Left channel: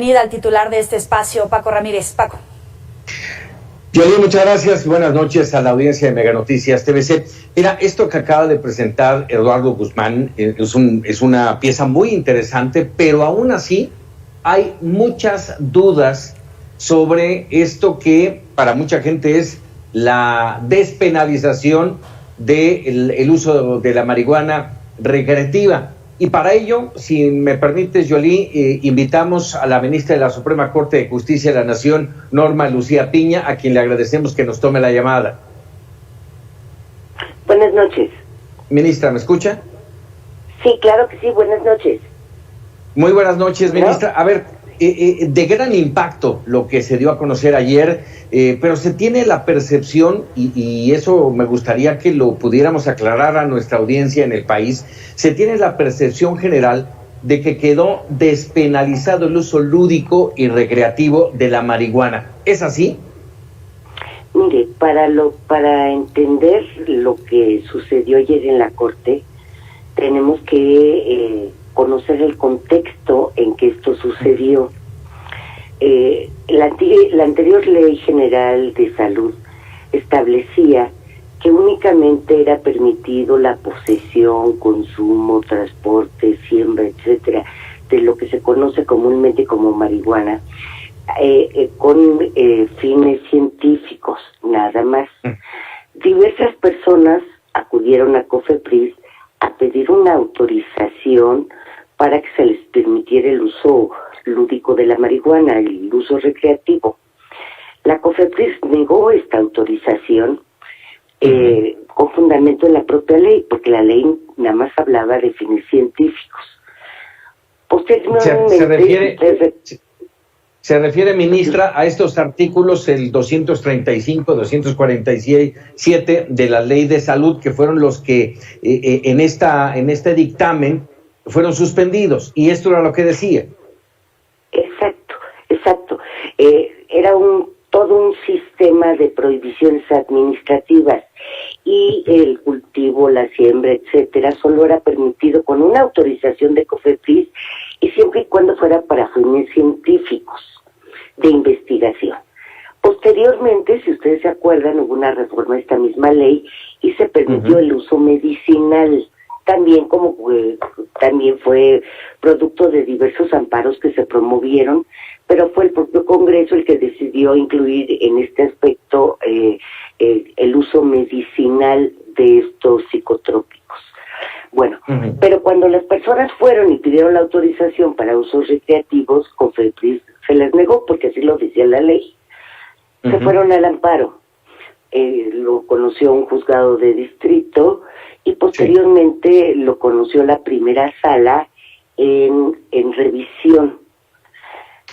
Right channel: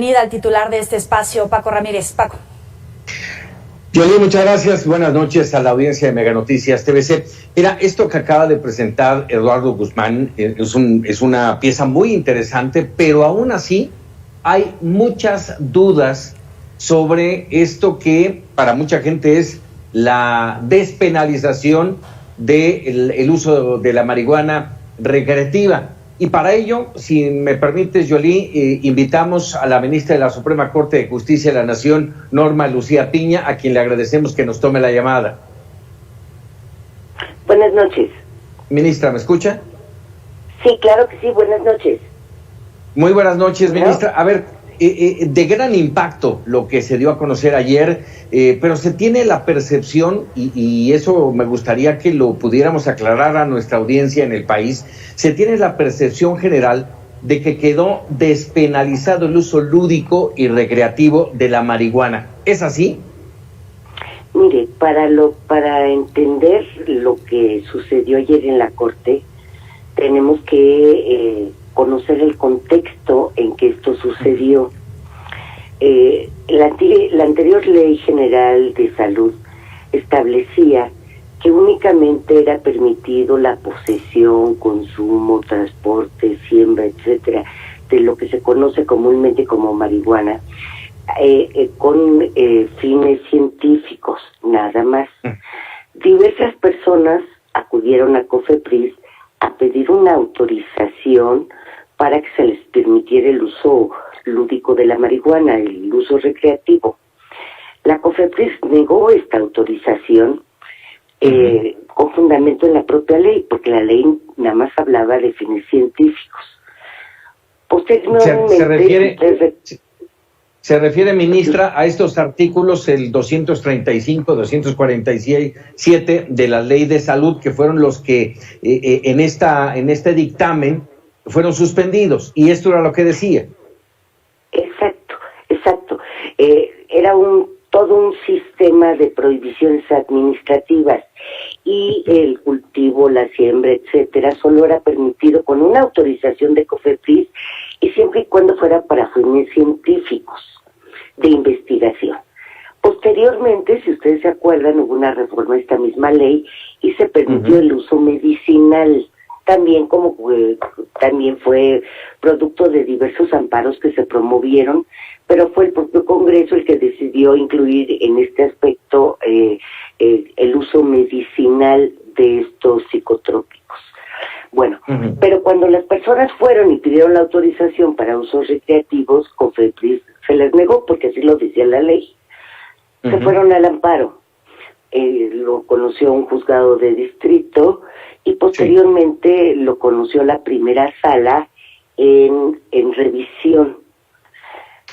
Bienvenida al titular de este espacio, Paco Ramírez. Paco. Yoli, muchas gracias. Buenas noches a la audiencia de Mega Noticias TVC. Mira, esto que acaba de presentar Eduardo Guzmán es una pieza muy interesante, pero aún así hay muchas dudas sobre esto que para mucha gente es la despenalización del uso de la marihuana recreativa. Y para ello, si me permites, Yoli, invitamos a la ministra de la Suprema Corte de Justicia de la Nación, Norma Lucía Piña, a quien le agradecemos que nos tome la llamada. Buenas noches. Ministra, ¿me escucha? Sí, claro que sí, buenas noches. Muy buenas noches, ministra. A ver, de gran impacto lo que se dio a conocer ayer, pero se tiene la percepción, y eso me gustaría que lo pudiéramos aclarar a nuestra audiencia en el país, se tiene la percepción general de que quedó despenalizado el uso lúdico y recreativo de la marihuana. ¿Es así? Mire, para entender lo que sucedió ayer en la Corte, tenemos que conocer el contexto en que esto sucedió. La anterior Ley General de Salud establecía que únicamente era permitido la posesión, consumo, transporte, siembra, etcétera, de lo que se conoce comúnmente como marihuana, con fines científicos, nada más. Diversas personas acudieron a COFEPRIS a pedir una autorización para que se les permitiera el uso lúdico de la marihuana, el uso recreativo. La COFEPRIS negó esta autorización con fundamento en la propia ley, porque la ley nada más hablaba de fines científicos. Posteriormente, se refiere, ministra, a estos artículos, el 235, 247 de la Ley de Salud, que fueron los que en este dictamen fueron suspendidos, y esto era lo que decía. Exacto. Era todo un sistema de prohibiciones administrativas, y el cultivo, la siembra, etcétera, solo era permitido con una autorización de COFEPRIS, y siempre y cuando fuera para fines científicos de investigación. Posteriormente, si ustedes se acuerdan, hubo una reforma de esta misma ley y se permitió el uso medicinal, también fue producto de diversos amparos que se promovieron, pero fue el propio Congreso el que decidió incluir en este aspecto el uso medicinal de estos psicotrópicos. Bueno, pero cuando las personas fueron y pidieron la autorización para usos recreativos, COFEPRIS se les negó, porque así lo decía la ley. Se fueron al amparo. Lo conoció un juzgado de distrito y posteriormente lo conoció la primera sala en revisión.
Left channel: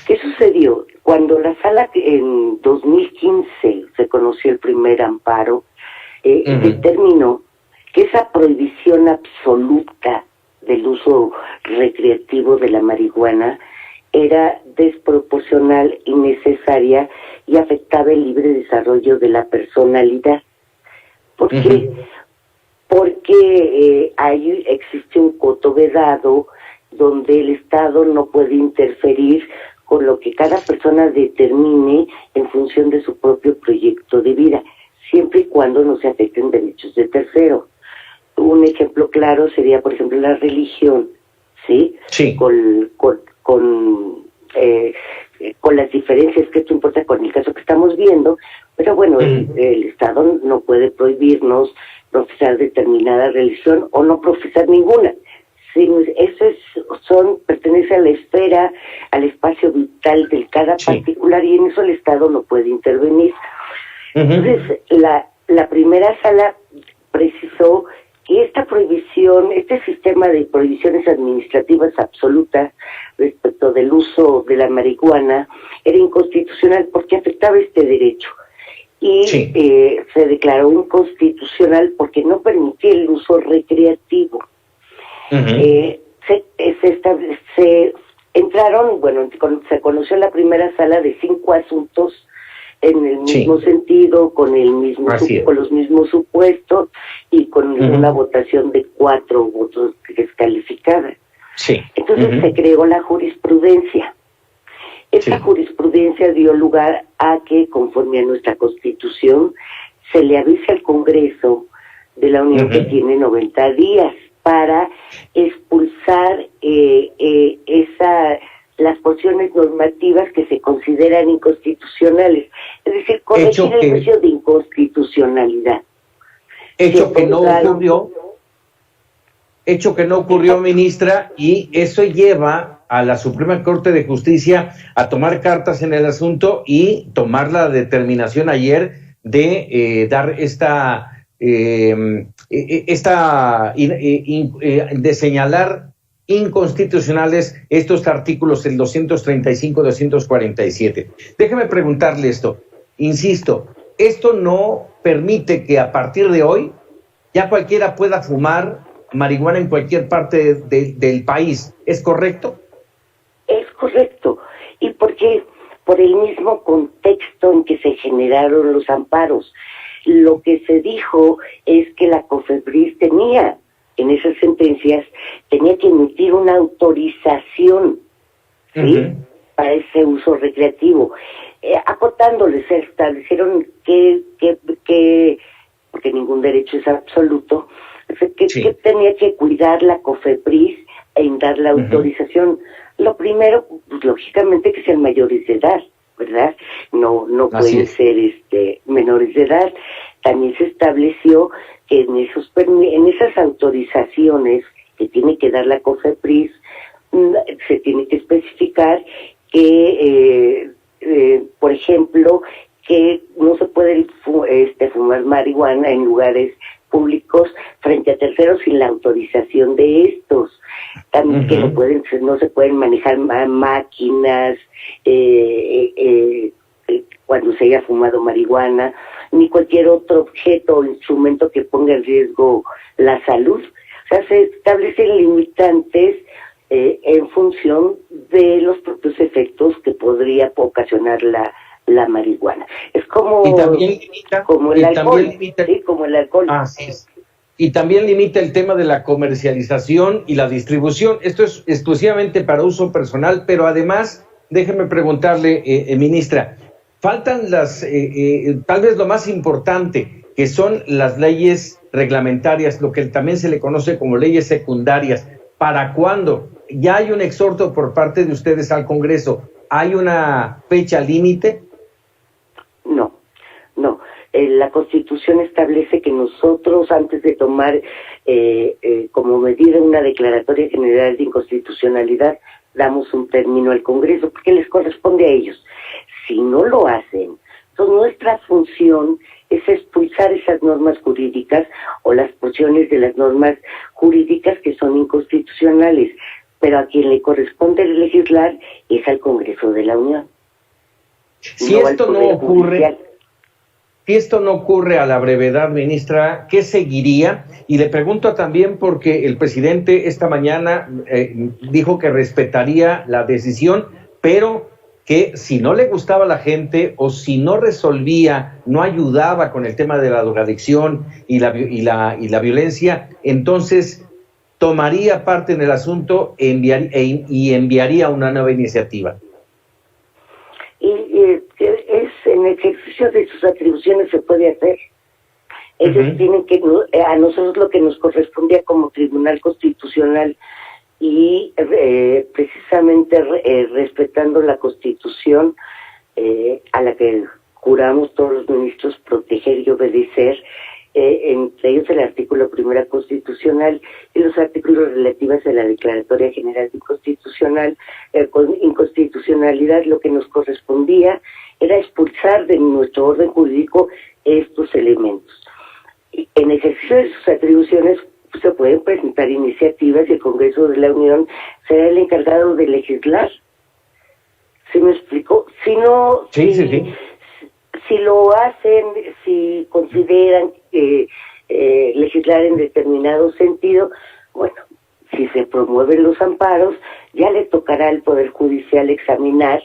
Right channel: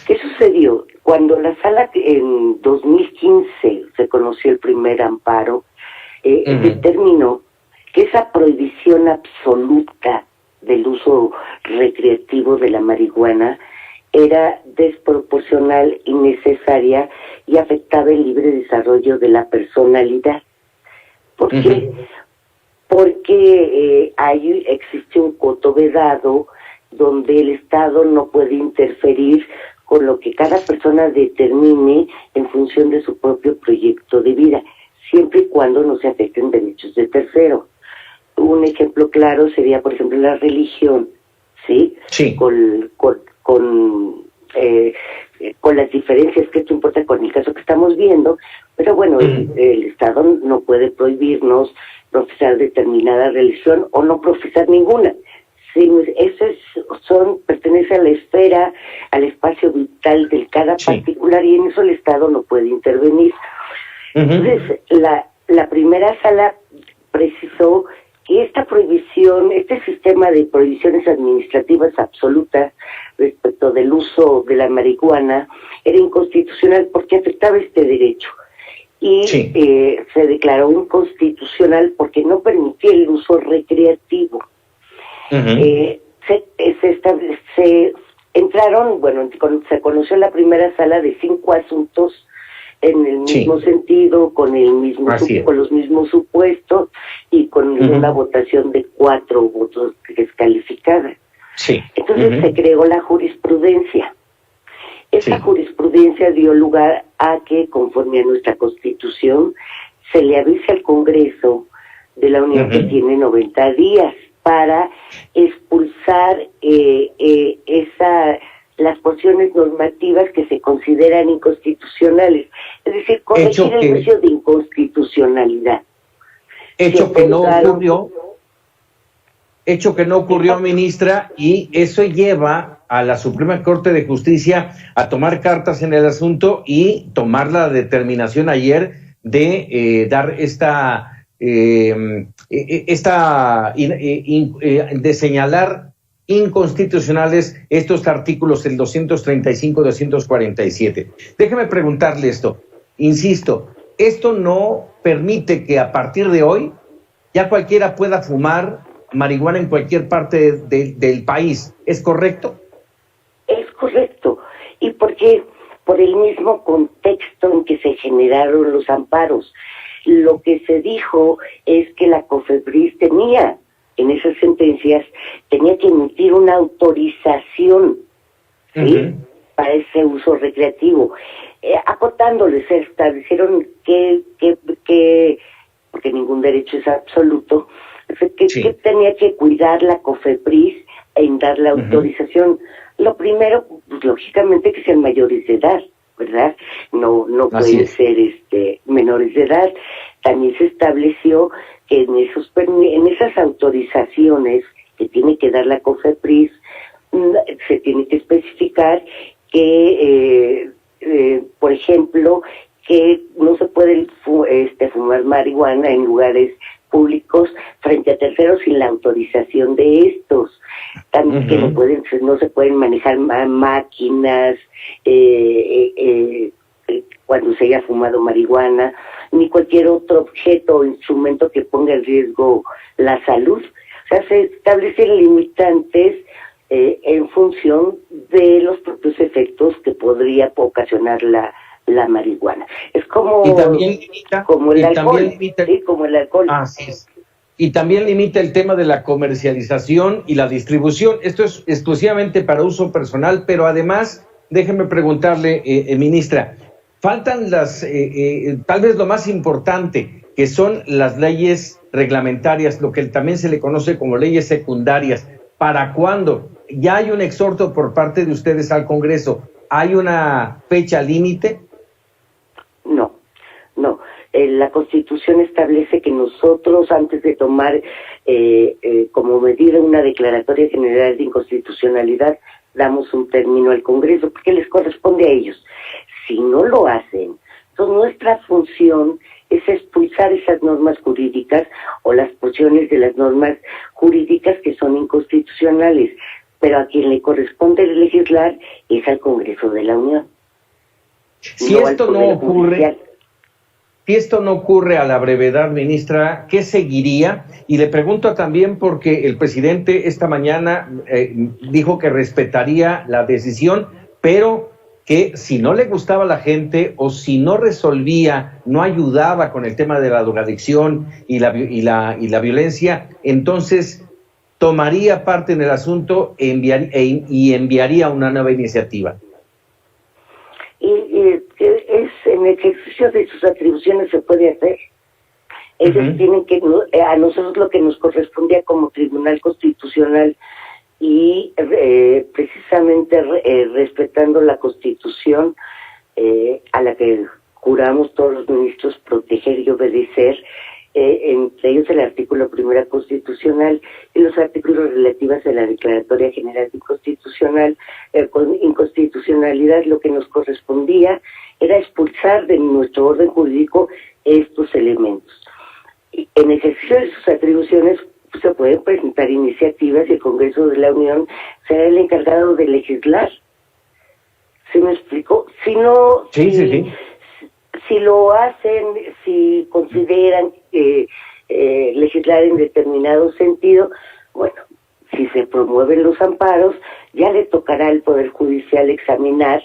¿Qué sucedió? Cuando la sala en 2015 se conoció el primer amparo, determinó que esa prohibición absoluta del uso recreativo de la marihuana era desproporcional, innecesaria y afectaba el libre desarrollo de la personalidad. ¿Por qué? Porque ahí existe un coto vedado donde el Estado no puede interferir con lo que cada persona determine en función de su propio proyecto de vida, siempre y cuando no se afecten derechos de tercero. Un ejemplo claro sería, por ejemplo, la religión, ¿sí? Con las diferencias que esto importa con el caso que estamos viendo, pero bueno, el Estado no puede prohibirnos profesar determinada religión o no profesar ninguna. Sí, eso pertenece a la esfera, al espacio vital de cada particular, y en eso el Estado no puede intervenir. Entonces, la primera sala precisó que esta prohibición, este sistema de prohibiciones administrativas absolutas respecto del uso de la marihuana era inconstitucional porque afectaba este derecho. Y se declaró inconstitucional porque no permitía el uso recreativo. Se conoció en la primera sala de 5 asuntos en el mismo sentido, con los mismos supuestos y con una votación de 4 votos descalificadas. Entonces se creó la jurisprudencia. Esta jurisprudencia dio lugar a que, conforme a nuestra Constitución, se le avise al Congreso de la Unión que tiene 90 días para expulsar las porciones normativas que se consideran inconstitucionales, es decir, corregir el juicio de inconstitucionalidad. Hecho que no ocurrió, ministra, y eso lleva a la Suprema Corte de Justicia a tomar cartas en el asunto y tomar la determinación ayer de dar de señalar inconstitucionales estos artículos, el 235 y 247. Déjeme preguntarle esto, insisto, esto no permite que a partir de hoy ya cualquiera pueda fumar marihuana en cualquier parte del país, ¿es correcto? Es correcto, y porque por el mismo contexto en que se generaron los amparos, lo que se dijo es que la COFEPRIS tenía, en esas sentencias, tenía que emitir una autorización, ¿sí? Para ese uso recreativo. Acotándoles, se establecieron que porque ningún derecho es absoluto, que tenía que cuidar la COFEPRIS en dar la autorización. Lo primero, pues, lógicamente, que sean mayores de edad, ¿verdad? No pueden ser menores de edad. También se estableció que en esas autorizaciones que tiene que dar la COFEPRIS, se tiene que especificar que, por ejemplo, que no se puede fumar marihuana en lugares públicos frente a terceros sin la autorización de estos. También que no se pueden manejar máquinas cuando se haya fumado marihuana, ni cualquier otro objeto o instrumento que ponga en riesgo la salud. O sea, se establecen limitantes en función de los propios efectos que podría ocasionar la marihuana. Es como, y también limita, como el alcohol. ¿sí? Como el alcohol. Así es. Y también limita el tema de la comercialización y la distribución. Esto es exclusivamente para uso personal, pero además, déjeme preguntarle, ministra, faltan tal vez lo más importante, que son las leyes reglamentarias, lo que también se le conoce como leyes secundarias. ¿Para cuándo? Ya hay un exhorto por parte de ustedes al Congreso. ¿Hay una fecha límite? No. La Constitución establece que nosotros, antes de tomar como medida una declaratoria general de inconstitucionalidad, damos un término al Congreso, porque les corresponde a ellos. Si no lo hacen, entonces nuestra función es expulsar esas normas jurídicas o las porciones de las normas jurídicas que son inconstitucionales, pero a quien le corresponde legislar es al Congreso de la Unión. Si esto no ocurre a la brevedad, ministra, ¿qué seguiría? Y le pregunto también porque el presidente esta mañana dijo que respetaría la decisión, pero que si no le gustaba a la gente o si no resolvía, no ayudaba con el tema de la drogadicción y la violencia, entonces tomaría parte en el asunto y enviaría una nueva iniciativa. En el ejercicio de sus atribuciones se puede hacer. Ellos tienen que, a nosotros lo que nos correspondía como Tribunal Constitucional y precisamente respetando la Constitución a la que juramos todos los ministros proteger y obedecer, entre ellos el artículo primero constitucional y los artículos relativos a la Declaratoria General de Inconstitucionalidad, lo que nos correspondía era expulsar de nuestro orden jurídico estos elementos. En ejercicio de sus atribuciones se pueden presentar iniciativas y el Congreso de la Unión será el encargado de legislar. ¿Sí me explico? Si no, si lo hacen, si consideran legislar en determinado sentido, bueno, si se promueven los amparos, ya le tocará al Poder Judicial examinar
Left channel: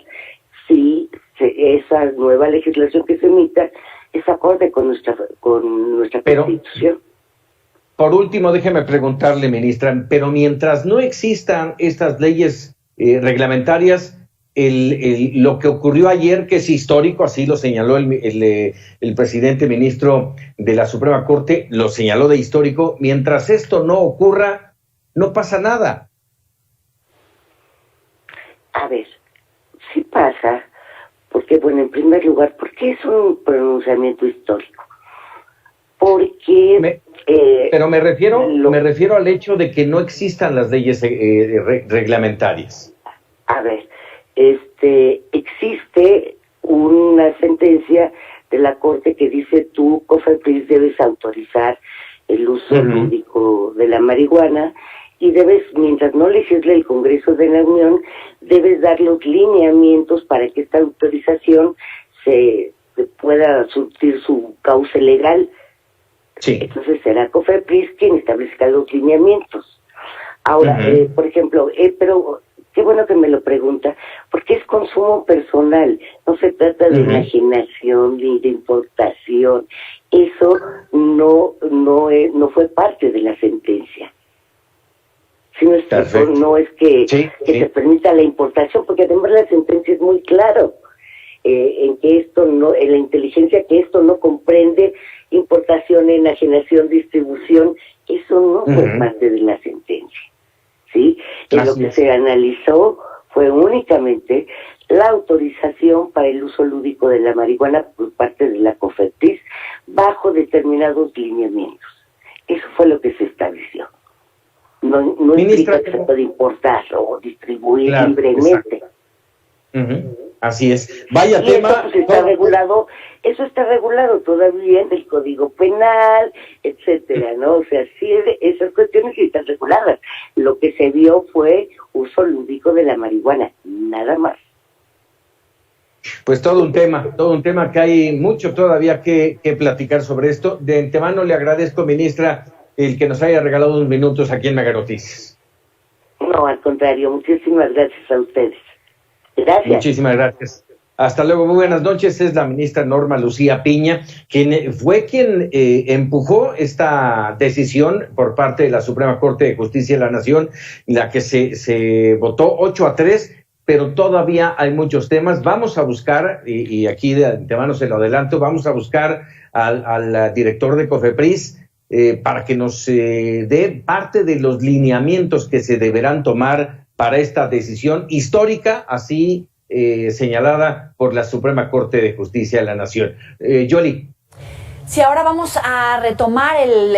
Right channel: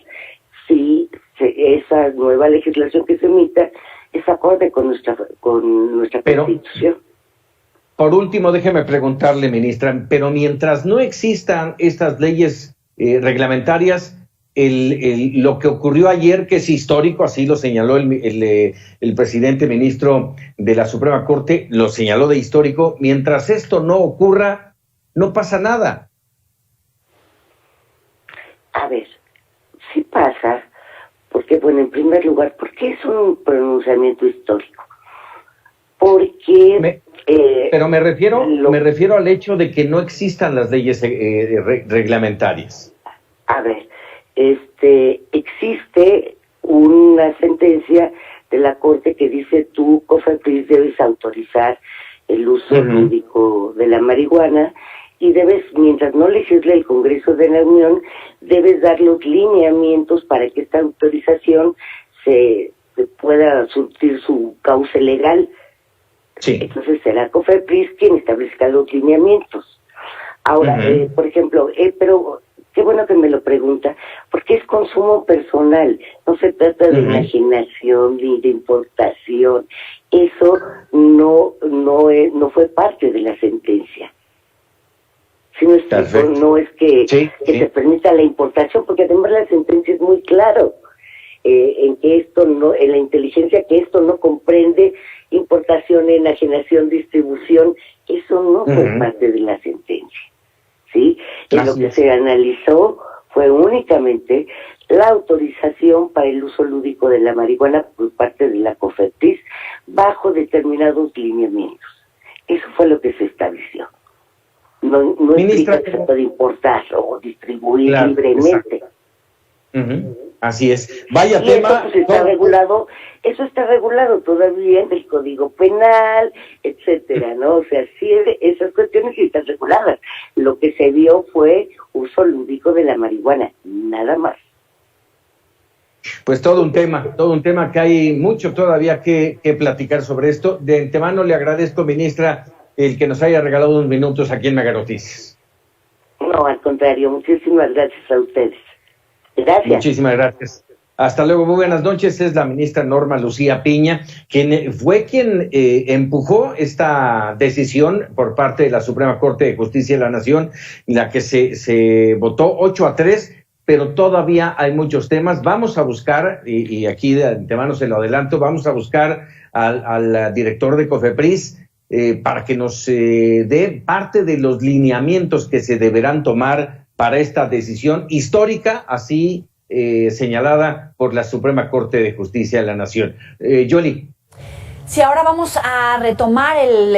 si esa nueva legislación que se emita es acorde con nuestra Constitución. Por último, déjeme preguntarle, ministra, pero mientras no existan estas leyes reglamentarias, lo que ocurrió ayer, que es histórico, así lo señaló el presidente ministro de la Suprema Corte, lo señaló de histórico. Mientras esto no ocurra, no pasa nada. A ver, sí pasa, porque, bueno, en primer lugar, ¿por qué es un pronunciamiento histórico? Porque... pero me refiero al hecho de que no existan las leyes reglamentarias. A ver, existe una sentencia de la Corte que dice tú, COFEPRIS, debes autorizar el uso lúdico de la marihuana y debes, mientras no legisle el Congreso de la Unión, debes dar los lineamientos para que esta autorización se pueda surtir su cauce legal. Sí. Entonces será COFEPRIS quien establezca los lineamientos. Ahora, por ejemplo, pero qué bueno que me lo pregunta, porque es consumo personal, no se trata de imaginación ni de importación. Eso no fue parte de la sentencia. Si no, no es que se permita la importación, porque además la sentencia es muy claro en que esto no, en la inteligencia, que esto no comprende importación, enajenación, distribución. Eso no fue parte de la sentencia. ¿Sí? Y lo que se analizó fue únicamente la autorización para el uso lúdico de la marihuana por parte de la COFEPRIS bajo determinados lineamientos. Eso fue lo que se estableció. No implica que se puede importar o distribuir libremente. Así es. Vaya y tema. Eso, pues, eso está regulado todavía en el Código Penal, etcétera, ¿no? O sea, sí, esas cuestiones sí están reguladas. Lo que se vio fue uso lúdico de la marihuana, nada más. Pues todo un tema que hay mucho todavía que platicar sobre esto. De antemano le agradezco, ministra, el que nos haya regalado unos minutos aquí en Mega Noticias. No, al contrario, muchísimas gracias a ustedes. Gracias. Muchísimas gracias. Hasta luego, muy buenas noches. Es la ministra Norma Lucía Piña, quien empujó esta decisión por parte de la Suprema Corte de Justicia de la Nación, en la que se votó 8-3, pero todavía hay muchos temas. Vamos a buscar, y aquí de antemano se lo adelanto, vamos a buscar al director de COFEPRIS para que nos dé parte de los lineamientos que se deberán tomar para esta decisión histórica, así señalada por la Suprema Corte de Justicia de la Nación. Yoli. Sí, ahora vamos a retomar el